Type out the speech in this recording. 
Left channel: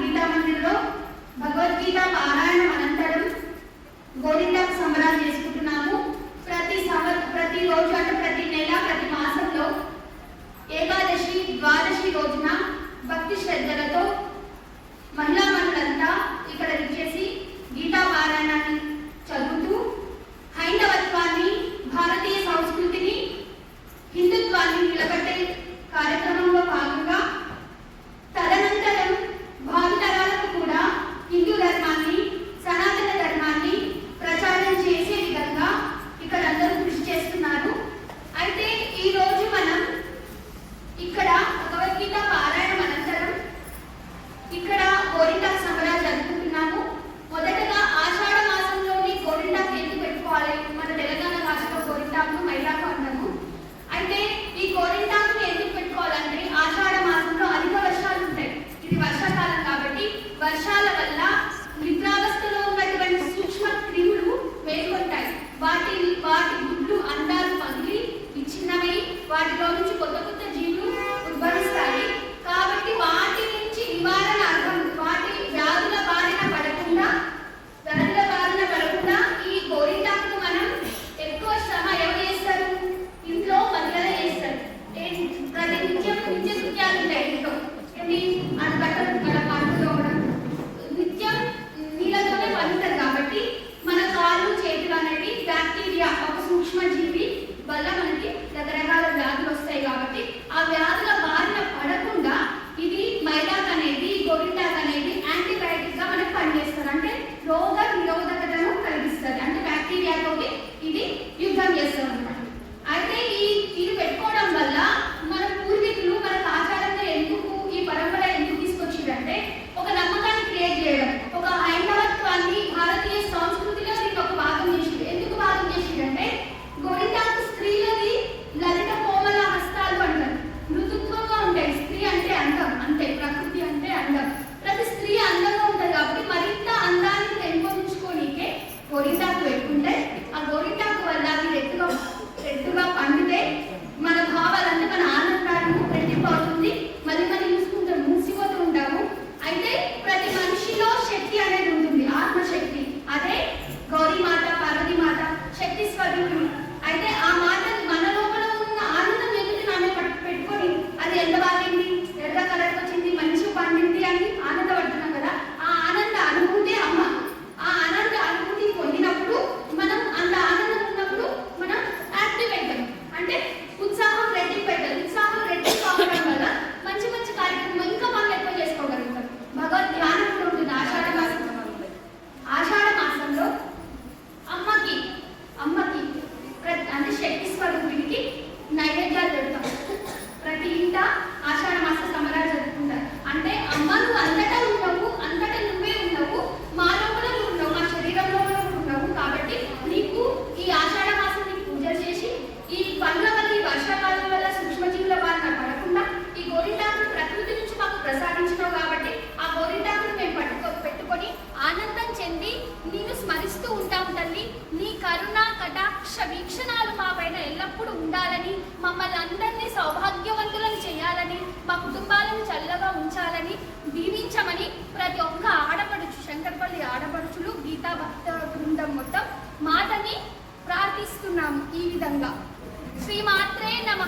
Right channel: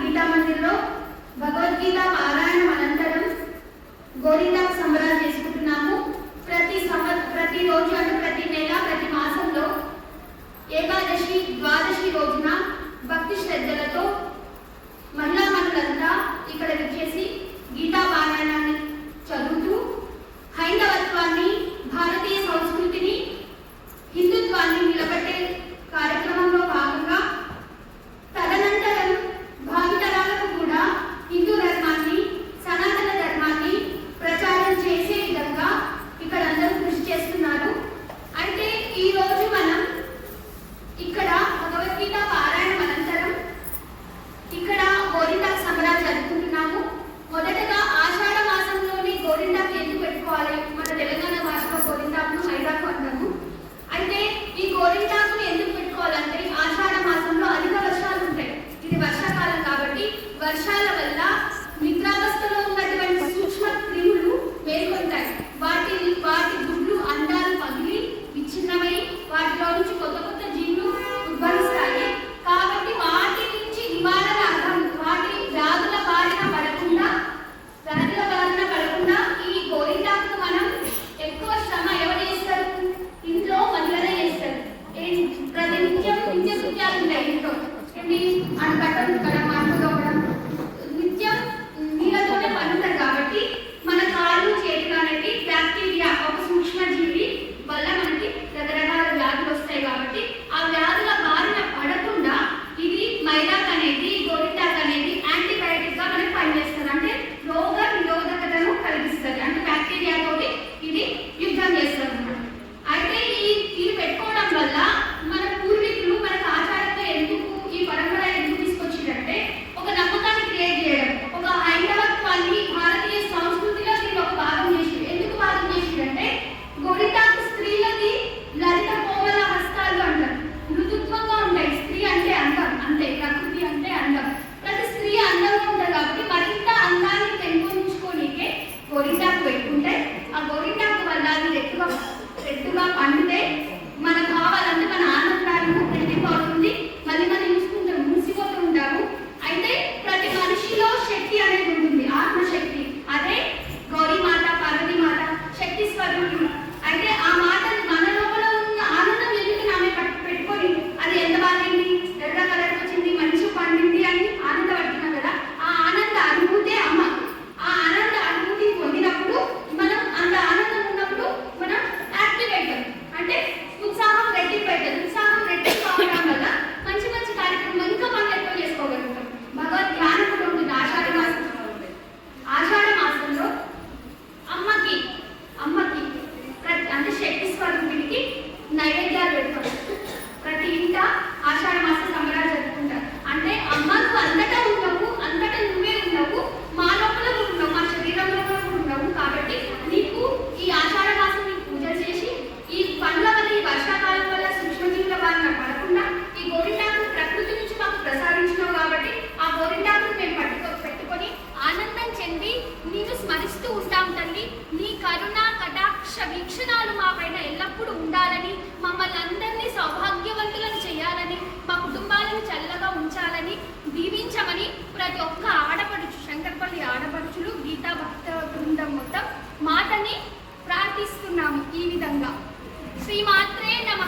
గీతా మందిర్లో భగవద్గీత పారాయణం అనంతరం గోరింటాకు సంబరాలు చేసుకుంటున్నాము. ప్రతి సంబంధ ప్రతి రోజు వర్షాల వల్ల కరుణ కటాక్ష వీక్షణాలు మా పైన ఎల్లప్పుడూ ఉండాలని మమ్మల్ని అందరినీ సౌభాగ్యవంతులను చేయాలని మా కుటుంబాలను చల్లగా ఉంచాలని దీవించమని ప్రతి ఒక్క ఆడపడుచు శంకరపల్లి ఆడపడుచులు గీతా భక్త బృందం మొత్తం మాతని ప్రార్థిస్తున్నాము ఈ విధంగా. శ్రీమాత్రే నమ.